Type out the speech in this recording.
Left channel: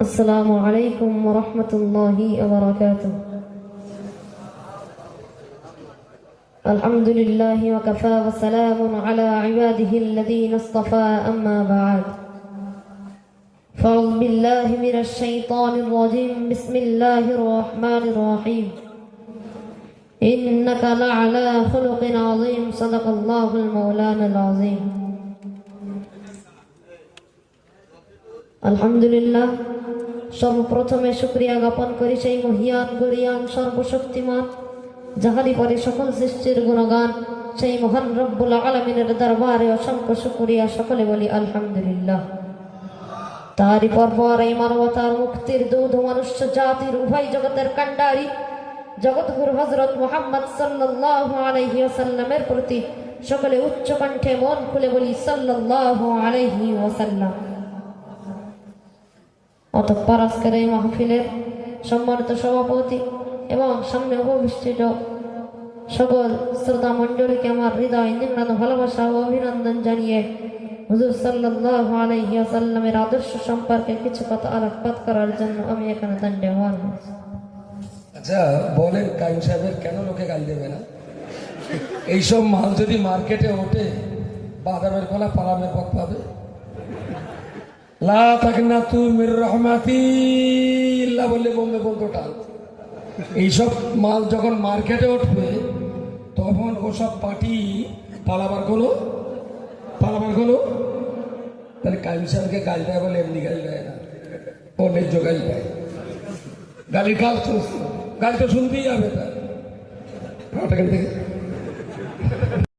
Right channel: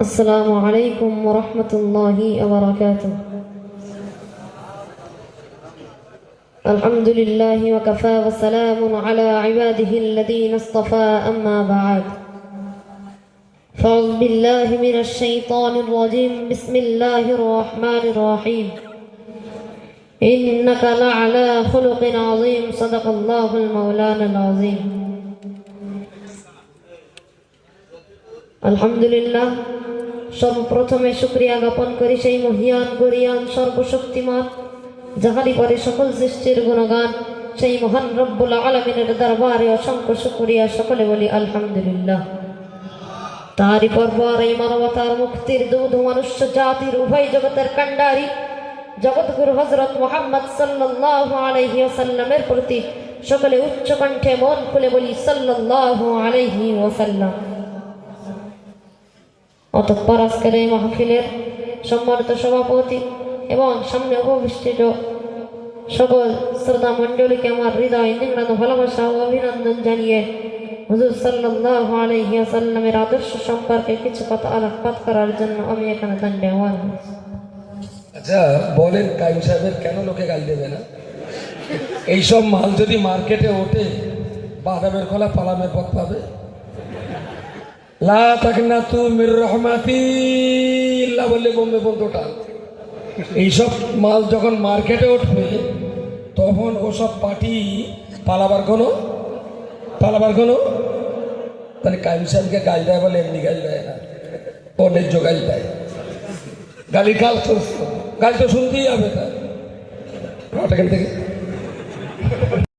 السلام عليكم ورحمة الله وبركاته. الحمد لله وكفى وسلام على عباده الذين اصطفى أما بعد. فأعوذ بالله من الشيطان الرجيم. بسم الله الرحمن الرحيم. إنك لعلى خلق عظيم. صدق الله المولانا العظيم. আলহামদুলিল্লাহ, সর্বপ্রথমে শুকরিয়া জ্ঞাপন করি সেই মহিয়ান গরিয়ান সর্বশক্তিমান যাহারই পরে সকল সৃষ্টির গুণগান সেই মহান রব্বুল আলামিনের দরবারে অসংখ্য শুকরিয়া। সকলে বলি আলহামদুলিল্লাহ। তারই পরপর এই মানবতার মুক্তির দুধ মনুষ্য জাতির উভয় জগতের কান্ডারি জগৎগুরু হযরত মুহাম্মদ সাল্লাল্লাহু আলাইহি ওয়াসাল্লামের প্রতি সকলে উচ্চ কণ্ঠে মন খুলে বলি সাল্লাল্লাহু আলাইহি ওয়াসাল্লাম। অতঃপর আজকের এই মাহফিলের সম্মানিত সভাপতি এবং সামনে উপবিষ্ট সকল শ্রোতা মণ্ডলীকে আমার হৃদয় নিংড়ানো ভালোবাসা ও অভিনন্দন জানিয়ে হুজুর সাল্লাল্লাহু আলাইহি ওয়াসাল্লামের আদর্শ সম্পর্কে কিছু কথা আলোকপাত করার জন্য আমি এখানে দণ্ডায়মান হয়েছি। আচ্ছা বলেন, কাইম সাহেবের কেন লোকে গাল দেবে না? এইসব মাল যদি মার্কেটে ওঠে, বাদামের কলা পালামের পথ পাবে। লা তাকনাতু মির রাহমাতিল্লাহ বলে বোম্বে বন্ধুটা, এইসব মাল যখন মার্কেটে উঠবে তখন ওসব পার্টি পালাবার কোনো মানে কাইম সাহেবকে গাল দেয় বলে এমনি গাল দেয় না, ও ন্যায্য গাল দেয়। গালি তো শুনতেই হবে। তার এখান থেকে